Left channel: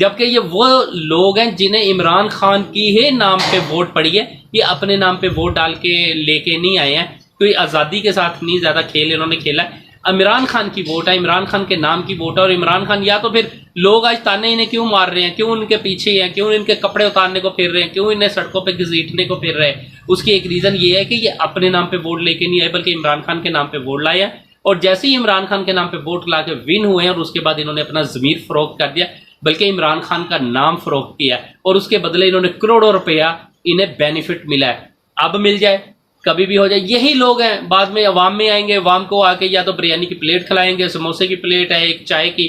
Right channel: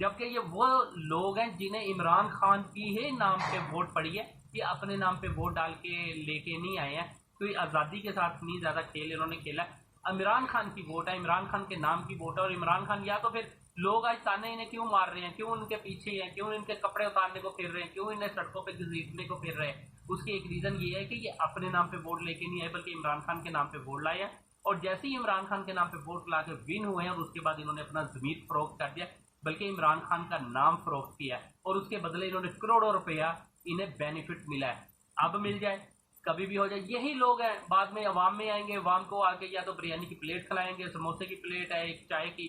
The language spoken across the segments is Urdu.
جبکہ یہ وہ لوگ ہیں جنہیں عمران خان کی ہی نام پہ ووٹ پڑی ہے، یہ اپنے نام پہ ووٹ ڈال کے لے کے نہیں آئے ہیں، کوئی آزادی کے ساتھ نہیں زیادہ کھیل انہوں نے کھیلا ہے، عمران خان کی ووٹ ہے، عمران خان کے نام کی ووٹ ہے۔ اور عمران خان یا تو پھر لوگ آج تانے انہیں کیوں مار رہے ہیں، کیوں ان کے پیچھے ہیں، کیوں ان کے کپڑے اتارنے کو پھر رہے ہیں، کیوں انہیں سڑکوں پہ گھسیٹنے کو پھر رہے ہیں، اس کی ایک ریزن یہ ہے کہ یہ اپنے نام پہ ووٹ لے کے نہیں آئے بلکہ عمران خان کے نام پہ ووٹ لائے ہیں، اور جیسے ہی عمران خان کے نام پہ ووٹ لا کے ون ہوئے ہیں اور اس کے بعد انہوں نے اپنا ضمیر فروخت کر دیا، بلکہ عمران خان کا نام فروخت کیا اور اس کے بدلے انہوں نے کروڑوں روپیہ انہیں بینیفٹ ملا ہے۔ اب مل جائے، کبھی بھی ہو جائے، یہی لوگ ہیں بعد میں عوام میں آئیں گے، عوام کو آ کے یا تو بریانی کی پلیٹ کھلائیں گے، سموسے کی پلیٹ ہے، ایک چائے کی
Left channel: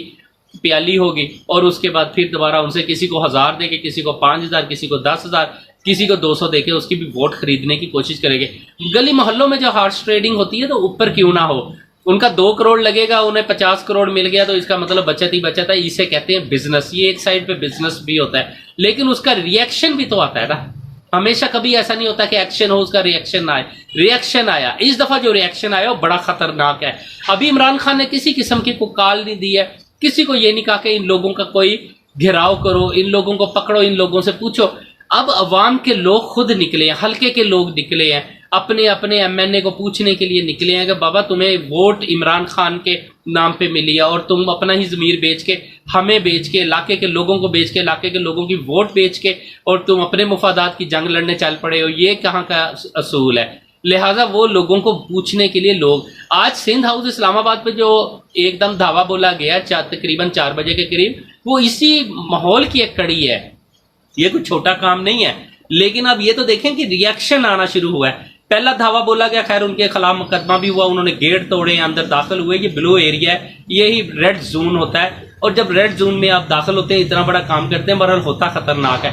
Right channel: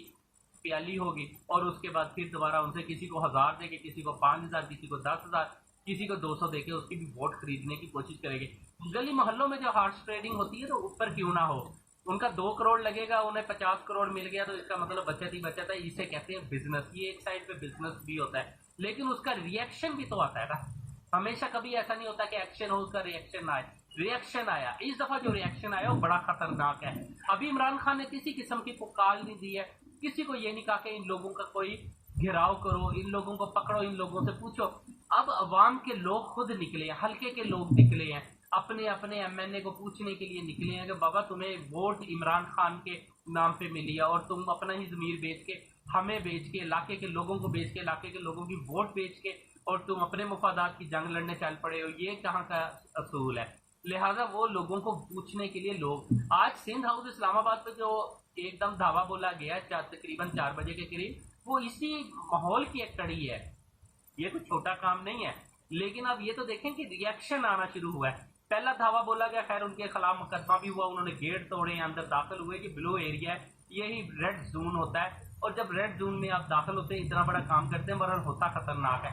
پیالی ہوگی، اور اس کے بعد پھر دوبارہ ان سے کسی کو 1000 دے کے، کسی کو 5000، کسی کو 10,000، کسی کو 200 دے کے اس کی بھی ووٹ خریدنے کی کوشش کریں گے۔ گلی محلوں میں جو ہارس ٹریڈنگ ہوتی ہے تو اوپر کیوں نہ ہو، ان کا 2 کروڑ لگے گا، انہیں 50 کروڑ مل گیا تو اس کا مطلب بچت ہی بچت ہے، اسے کہتے ہیں بزنس۔ یہ ایک سائڈ پہ بزنس بھی ہوتا ہے، لیکن اس کا ریئیکشن بھی تو آتا ہے نا۔ ہمیشہ کبھی ایسا نہیں ہوتا کہ ایکشن ہو اس کا ریئیکشن نہ آئے۔ ریئیکشن آیا، اس دفعہ جو ریئیکشن آیا وہ بڑا خطرناک ہے۔ ابھی عمران خان نے کسی قسم کی کوئی کال نہیں دی ہے، کسی کو یہ نہیں کہا کہ ان لوگوں کا کوئی گھیراؤ کرو، ان لوگوں کو پکڑو، ان لوگوں سے پوچھو۔ اب عوام کے لوگ خود نکلے ہیں، حلقے کے لوگ نکلے ہیں، اپنے اپنے ایم این اے کو پوچھنے کے لیے نکلے ہیں کہ بابا تمہیں ووٹ عمران خان کے نام پہ ملی ہے اور تم اپنا ہی ضمیر بیچ کے، ہمیں بیچ کے، علاقے کے لوگوں کو بیچ کے، علاقے کے لوگوں کی ووٹ بیچ کے، اور تم اپنے مفادات کی جنگ لڑنے چل پڑے ہو، یہ کہاں کا اصول ہے؟ لہٰذا وہ لوگوں کو پوچھنے کے لیے لوگ آج سندھ ہاؤس اسلام آباد پہ جو ایک دم دھاوا بولا گیا تقریباً 4 بجے کے قریب، وہ اسی ماحول کی ایک کڑی ہے۔ یہ کوئی چھوٹا کام نہیں ہے، لیکن اب یہ تو دیکھیں کہ ریئیکشن آنا شروع ہوا ہے۔ پہلا دھاوا بولا گیا، خیر ان کے خلاف مقدمہ بھی ہوا، انہوں نے گیٹ توڑے، اندر داخل ہوئے، یہ بلو ایریا ہے، یہی ریڈ زون ہوتا ہے، اور جب ریڈ زون میں آپ داخل ہوتے ہیں اتنا بڑا کام کرتے ہیں، بہرحال ہوتا خطرناک ہے۔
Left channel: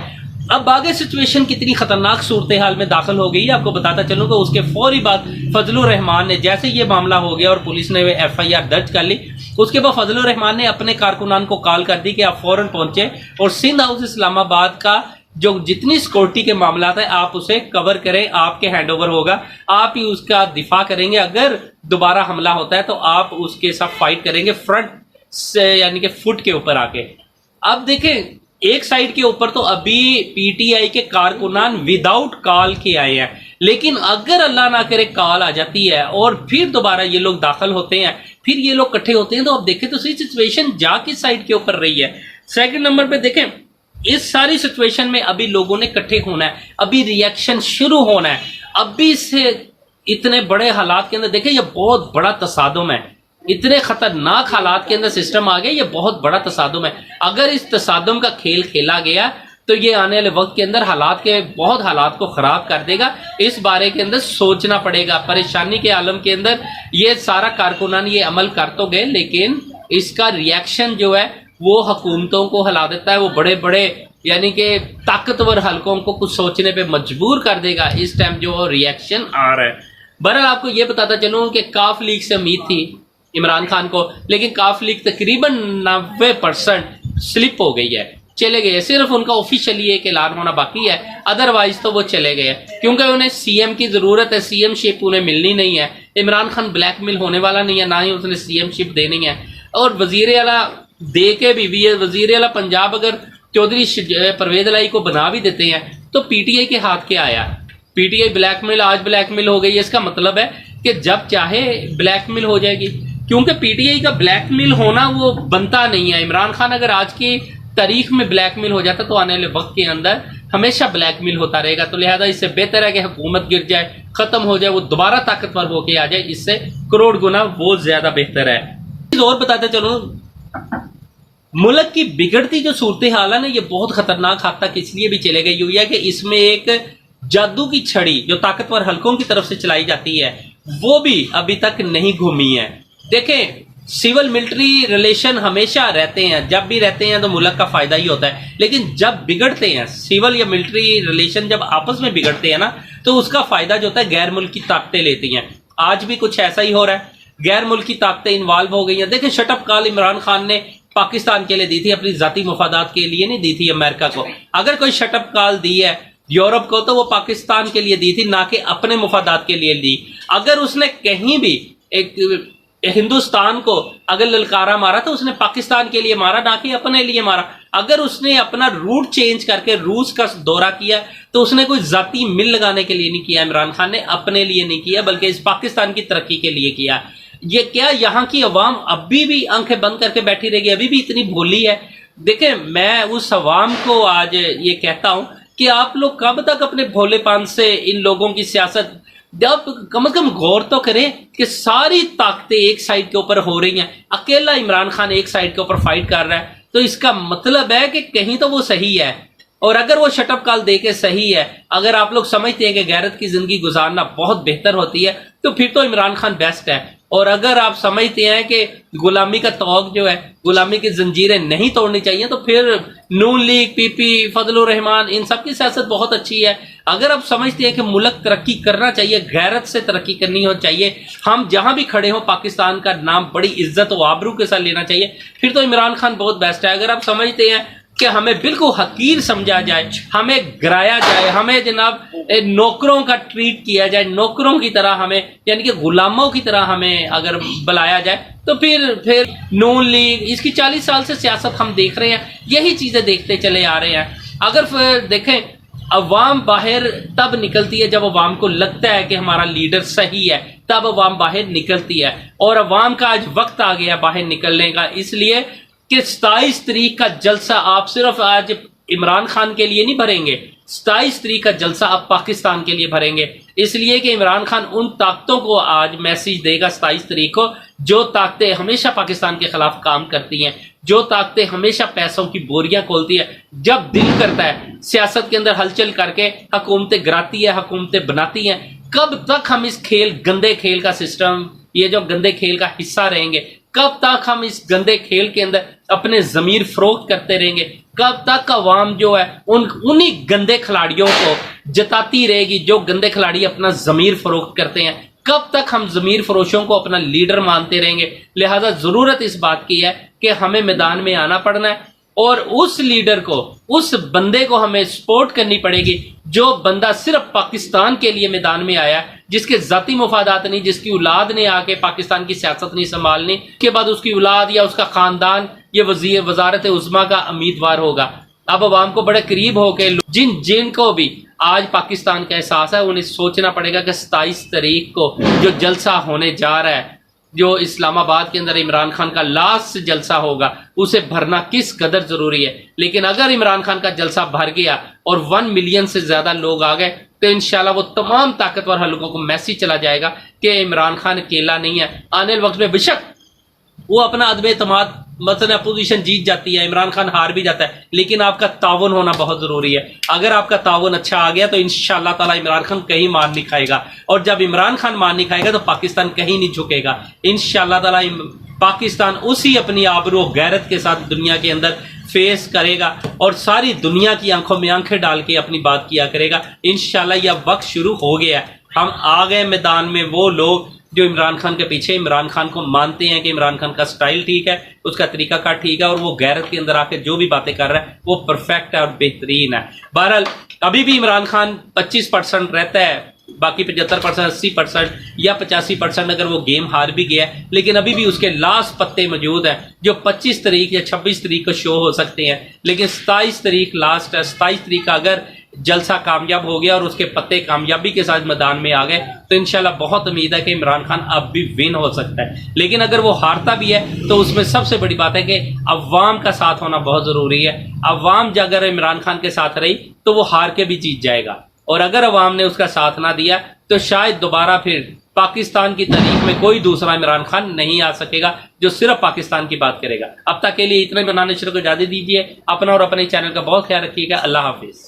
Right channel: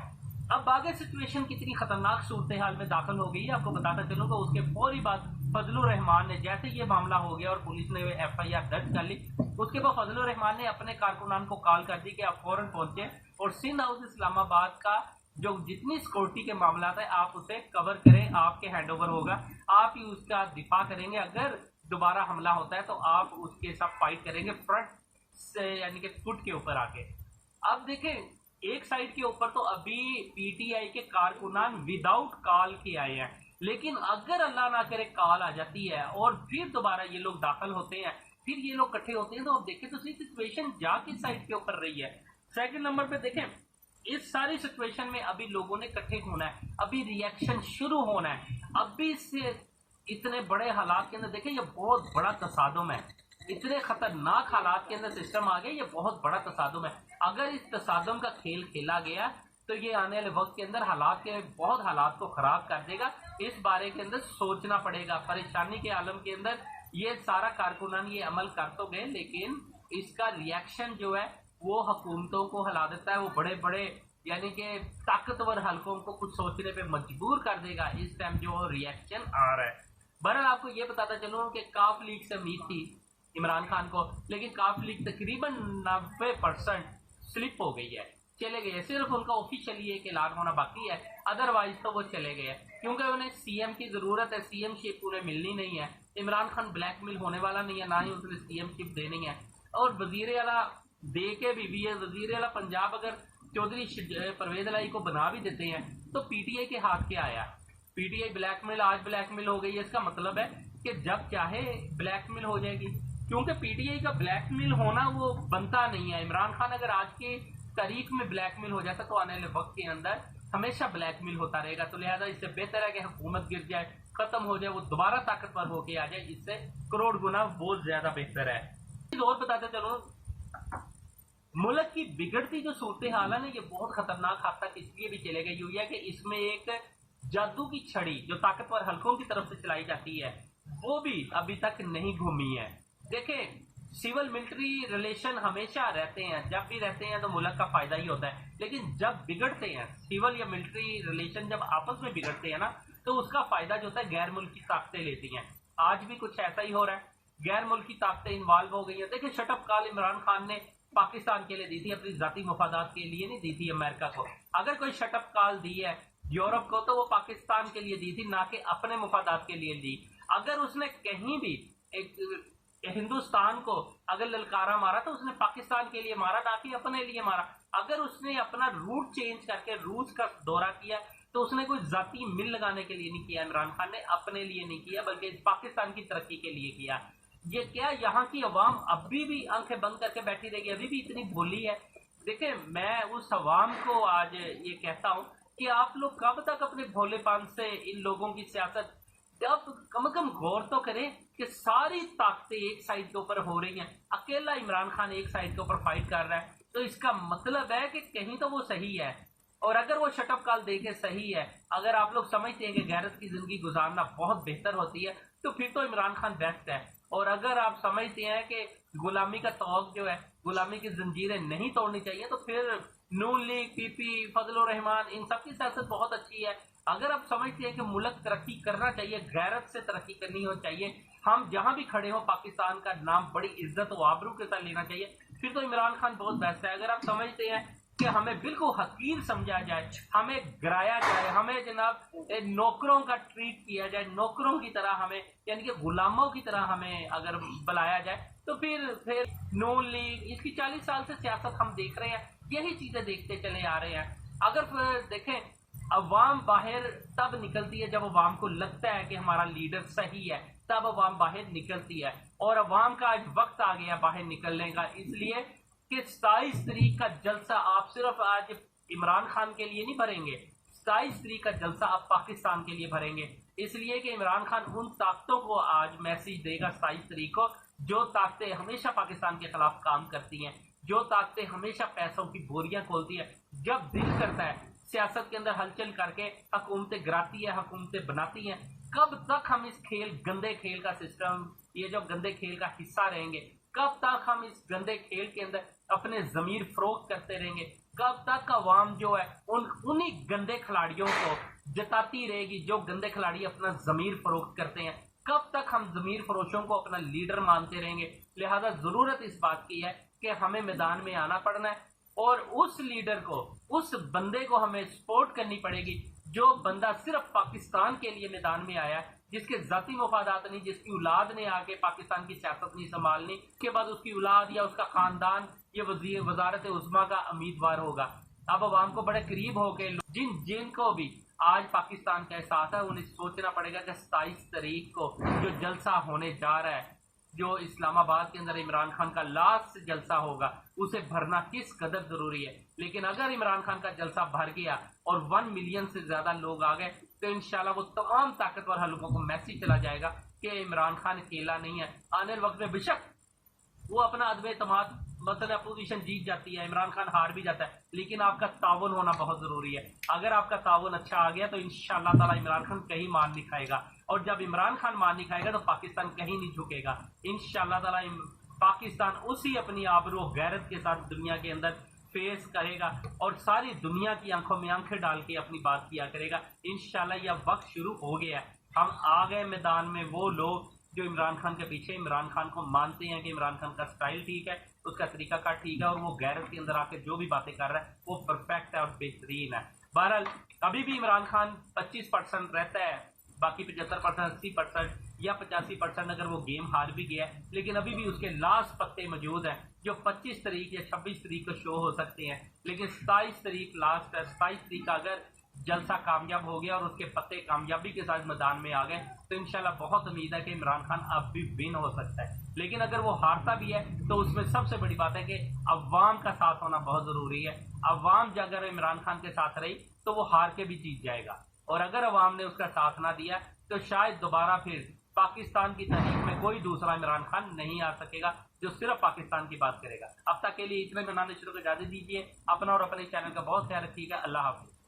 اب آگے سچویشن کتنی خطرناک صورتحال میں داخل ہو گئی ہے آپ کو بتاتا چلوں کہ اس کے فوری بعد فضل الرحمان نے، جیسے یہ معاملہ ہو گیا اور پولیس نے ایف آئی آر درج کر لی، اس کے بعد فضل الرحمان نے اپنے کارکنان کو کال کر دی کہ آپ فوراً پہنچے اور سندھ ہاؤس اسلام آباد کا جو جتنی سیکورٹی کے معاملات ہیں آپ اسے کور کریں، آپ کے ہینڈ اوور ہوگا، آپ ہی اس کا دفاع کریں گے، اگر دوبارہ حملہ ہوتا ہے تو آپ اس کے ساتھ فائٹ کریں گے فرنٹ سے، یعنی کہ فٹ کے اوپر آ کے۔ اب دیکھیں ایک سائڈ کے اوپر تو ابھی پی ٹی آئی کے کارکنان وداؤٹ کال کے آئے ہیں، لیکن اگر اللہ نہ کرے کال آ جاتی ہے اور پھر دوبارہ یہ لوگ داخل ہوتے ہیں، پھر یہ لوگ کٹھے ہوتے ہیں، تو اب دیکھیں تو صحیح سچویشن جا کس سائڈ کے اوپر رہی ہے۔ سیکنڈ نمبر پہ دیکھیں اس ساری سچویشن میں ابھی لوگوں نے کٹھے ہونا ہے، ابھی ریئیکشن شروع ہونا ہے، ابھی سے اتنے بڑے حالات کے اندر دیکھیں یہ بہت بڑا تصادم ہے، اتنے خطرناک حالات کے اندر سسٹم آ گیا، یہ بہت بڑا تصادم ہے۔ اگر اس تصادم کا کھیل کھیلا گیا تو یہ آنے والے وقت کے اندر بہت حالات کو خراب کر دے گا۔ اس بارے کے اندر سوچنا پڑے گا، پریشانی کے عالم کے اندر یہ سارا کارکنان یہ عمل کر تو گئے، لیکن اس کا ریئیکشن جو ہے وہ حکومتوں کو ہلا دیتا ہے، وہ بڑے بڑے یعنی کہ طاقتور حلقوں کو کچھ سوچنے پہ مجبور کر دے گا اس ٹائم جو ریئیکشن آ رہا ہے۔ بہرحال آپ کو یہ بتاتا چلوں کہ کاف لیگ سے امید تھی عمران خان کو، لیکن کاف لیگ تقریباً 90% سلپ ہو گئی ہے، چلے گئے، صرف ان کا آفیشیلی ایک اعلان ہونا باقی ہے، ادروائز تو وہ چلے گئے کیونکہ انہیں سی ایم کی ضرورت ہے، سی ایم شپ انہیں ملنی نہیں ہے، عمران خان بلیک میل ہونے والا نہیں ہے، نہ ہی اس نے سی ایم شپ دینی ہے، اور وزیر اعلیٰ دے کے بھی وزیر اعلیٰ پنجاب اگر چودھری پرویز الہی کو بنا بھی دیتے ہیں تو پی ٹی آئی کے ہاتھ کیا آیا؟ پی ٹی آئی بلیک میل، آج بلیک میل ہو گئی ہے، اس کا مطلب ہے کہ جب چاہے بلیک میل ہو جائے گی، کیونکہ پی ٹی آئی کا بلیک میل ہونا وہ بنتا نہیں ہے۔ عمران خان اگر آج کی تاریخ میں بلیک میل ہو جاتا تو آنے والے وقت کے اندر ہمیشہ بلیک میل ہوتا رہے گا، تو لہذا اس سے بہتر ہے کہ حکومت گر جائے، ختم ہو جائے، وہ دوبارہ طاقتور ہو کے آ جائے، اس سے کروڑ گنا وہ زیادہ بہتر ہے۔ اور بتاتے چلوں ملک کی بگڑتی جو صورتحال ہے نا، یہ بہت خطرناک حد تک اس لیے بھی چلے گئی ہوئی ہے کہ اس میں ایک جادو کی چھڑی جو طاقتور حلقوں کی طرف سے چلائی جاتی ہے وہ بھی ابھی تک نہیں گھومی ہے۔ دیکھیں سول ملٹری ریلیشن ہمیشہ رہتے ہیں، جب بھی رہتے ہیں تو ملک کا فائدہ ہی ہوتا ہے، لیکن جب بگڑتے ہیں سول یا ملٹری ریلیشن جب آپس میں بگڑتے ہیں نا تو اس کا فائدہ جو ہوتا ہے غیر ملکی طاقتیں لیتی ہیں۔ آج بھی کچھ ایسا ہی ہو رہا ہے، غیر ملکی طاقتیں انوالو ہو گئی ہیں۔ دیکھیں شٹ اپ کال عمران خان نے پاکستان کے لیے دی تھی، اپنی ذاتی مفادات کے لیے نہیں دی تھی امریکہ کو۔ اگر کوئی شٹ اپ کال دی ہے یورپ کو تو وہ پاکستان کے لیے دی تھی، نہ کہ اپنے مفادات کے لیے دی۔ اگر اس نے کہیں بھی ہندوستان کو اگر للکارا مارا تو اس نے پاکستان کے لیے مارا، نہ کہ اپنے لیے مارا۔ اگر اس نے اپنا روٹ چینج کر کے روس کا دورہ کیا تو اس نے کوئی ذاتی مل لگانے کے لیے نہیں کیا، عمران خان نے اپنے لیے نہیں کیا بلکہ اس پاکستان کی ترقی کے لیے کیا۔ یہ کیا یہاں کی عوام ابھی بھی آنکھیں بند کر کے بیٹھی رہے گی؟ ابھی بھی اتنی بھولی ہے؟ دیکھیں میں اس عوام کو آج یہ کہتا ہوں کہ آپ لوگ کب تک اپنے بھولے پان سے ان لوگوں کی سیاست، جب کم از کم غور تو کریں کہ ساری طاقتیں ایک سائڈ کے اوپر ہو رہی ہیں، اکیلا عمران خان ایک سائڈ کے اوپر فائٹ کر رہا ہے، تو اس کا مطلب ہے کہ کہیں تو وہ صحیح ہے۔ اور اگر وہ شٹ اپ کال دے کے صحیح ہے، اگر آپ لوگ سمجھتے ہیں کہ غیرت کی زندگی گزارنا بہت بہتر ہوتی ہے، تو پھر تو عمران خان بیسٹ ہے۔ اور اگر آپ سمجھتے ہیں کہ غلامی کا طوق جو ہے، غلامی کی زنجیریں نہیں توڑنی چاہیے، تو پھر نون لیگ، پی پی، فضل الرحمان، ان سب کی سیاست بہت اچھی ہے۔ اگر آپ سمجھتے ہیں کہ ملک ترقی کرنا چاہیے، غیرت سے ترقی کرنی ہو چاہیے، ہم جہاں بھی کھڑے ہوں پاکستان کا نام بڑی عزت و آبرو کے ساتھ لینا چاہیے، پھر تو عمران خان بہت بیسٹ ہے۔ اگر آپ سمجھتے ہیں کہ ہمیں بالکل حقیر سمجھا جائے، ہمیں گرایا جائے، ہمیں جناب نوکروں کا ٹریٹ کیا جائے، نوکروں کی طرح ہمیں، یعنی کہ غلاموں کی طرح ہمیں اگر بلایا جائے، تو پھر نون لیگ، اس کی 40 سال سے سیاست ہم دیکھ رہے ہیں، یہی چیزیں دیکھتے چلے آ رہے ہیں۔ اگر دیکھیں عوام باہر تب نکلتی ہے جب عوام کو لگتا ہے کہ ہمارا لیڈر صحیح ہے، تب عوام باہر نکلتی ہے، اور عوام کا آج وقت آ گیا باہر نکلنے کا، اس لیے کہ 27 تاریخ کا جلسہ آپ صرف آج عمران خان کے لیے نہیں بھریں گے، 27 تاریخ کا جلسہ آپ پاکستان کے لیے بھریں گے، اس لیے کہ عمران خان ان طاقتوں کو آج میسیج دے گا 27 تاریخ کو، جو طاقتیں ہمیشہ پاکستان کے خلاف کام کرتی ہیں، جو طاقتیں ہمیشہ پیسوں کی بوریاں کھولتی ہے، جب دل کرتا ہے سیاست کے اندر ہلچل کر کے حکومتیں گراتی ہے، حکومتیں بناتی ہیں۔ کب تک ہم اس گندے کھیل کا سسٹم، یہ جو گندے کھیل کا حصہ رہیں گے؟ کب تک ہم اس گندے کھیل کے اندر اپنے ضمیر فروخت کرتے رہیں گے؟ کب تک عوام جو ہے انہی گندے کھلاڑیوں کو جتاتی رہے گی جو گندے کھلاڑی اپنا ضمیر فروخت کرتے ہیں؟ کب تک ہم ضمیر فروشوں کو اپنا لیڈر مانتے رہیں گے؟ لہٰذا ضرورت اس بات کی ہے کہ ہمیں میدان میں آنا پڑنا ہے، اور اس لیڈر کو، اس بندے کو ہمیں سپورٹ کرنی پڑے گی جو بندہ صرف پاکستان کے لیے میدان میں آیا ہے، جس کے ذاتی مفادات نہیں، جس کی اولاد نے آ کے پاکستان کی سیاست نہیں سنبھالنی، اس کے بعد اس کی اولاد یا اس کا خاندان یہ وزارت عظمیٰ کا امیدوار ہوگا۔ اب عوام کو بڑے قریب ہو کے جن کو بھی آج پاکستان کا احساس ہے، انہیں سوچنا پڑے گا کہ 27 تاریخ کو جو جلسہ ہونے جا رہا ہے، جو اسلام آباد کے اندر عمران خان کا لاسٹ جلسہ ہوگا، اسے بھرنا کس قدر ضروری ہے۔ لیکن اگر عمران خان کا جلسہ بھر گیا اور 1 ملین سے زیادہ لوگ آ گئے، تو انشاءاللہ وہ تمام طاقتور حلقوں کو میسیج چلا جائے گا کہ عمران خان اکیلا نہیں ہے۔ آنے والے وقت میں بے شک وہ اپنا عدم اعتماد، مثلا اپوزیشن جیت جاتی ہے، عمران خان ہار بھی جاتا ہے، لیکن آپ کا تعاون ہونا بہت ضروری ہے۔ اگر آپ کا تعاون اچھا آ گیا تو انشاءاللہ تعالی عمران خان کہیں مار نہیں کھائے گا، اور جب عمران خان مار نہیں کھائے گا تو پاکستان کہیں نہیں جھکے گا۔ انشاءاللہ تعالی پاکستان اسی اپنی آبرو و غیرت کے ساتھ دنیا کے اندر فیس کرے گا، اور ساری دنیا کی آنکھوں میں آنکھیں ڈال کے اپنی بات کیا کرے گا۔ انشاءاللہ یہ وقت شروع ہو گیا ہے، ہم آ گئے میدان میں، وہ لوگ جو عمران خان کے پیچھے، عمران خان کو مانتے ہیں کہ عمران خان کا سٹائل ٹھیک ہے، اس کا طریقہ کار ٹھیک ہے، اور وہ غیرت کے اندر آ کے جو بھی باتیں کر رہا ہے وہ پرفیکٹ ہے اور بہترین ہے۔ بہرحال ابھی بھی عمران خان 25% رہتا ہے، باقی 75%، 80% یا 85% اگر وہ گیم ہار بھی گیا ہے، لیکن ابھی بھی اس کے لاسٹ پتے موجود ہیں جو 25 تاریخ یا 26 تاریخ کو شو ہو سکتے ہیں، لیکن 27 تاریخ لاسٹ ہے۔ 27 تاریخ کا اگر جلسہ کامیاب ہو گیا اور اس کے پتے کامیابی کے ساتھ میدان میں آ گئے تو انشاءاللہ بہت امید ہے کہ عمران خان اب بھی ون ہو سکتا ہے۔ لیکن اگر وہ ہارتا بھی ہے تو اس میں سب سے بڑی بات ہے کہ عوام کا ساتھ ہونا بہت ضروری ہے۔ عوام اگر عمران خان کے ساتھ رہی تو وہ ہار کے بھی جیت جائے گا، اور اگر عوام نے اس کا ساتھ نہ دیا تو شاید دوبارہ پھر پاکستان کی تاریخ میں کوئی دوسرا عمران خان نہیں آ سکے گا جو صرف پاکستان کی بات کرے گا۔ اب تک کے لیے اتنے بنانے شروع کو اجازت دیجیے، اپنا اور اپنے چینل کا بہت خیال رکھیے گا۔ اللہ حافظ۔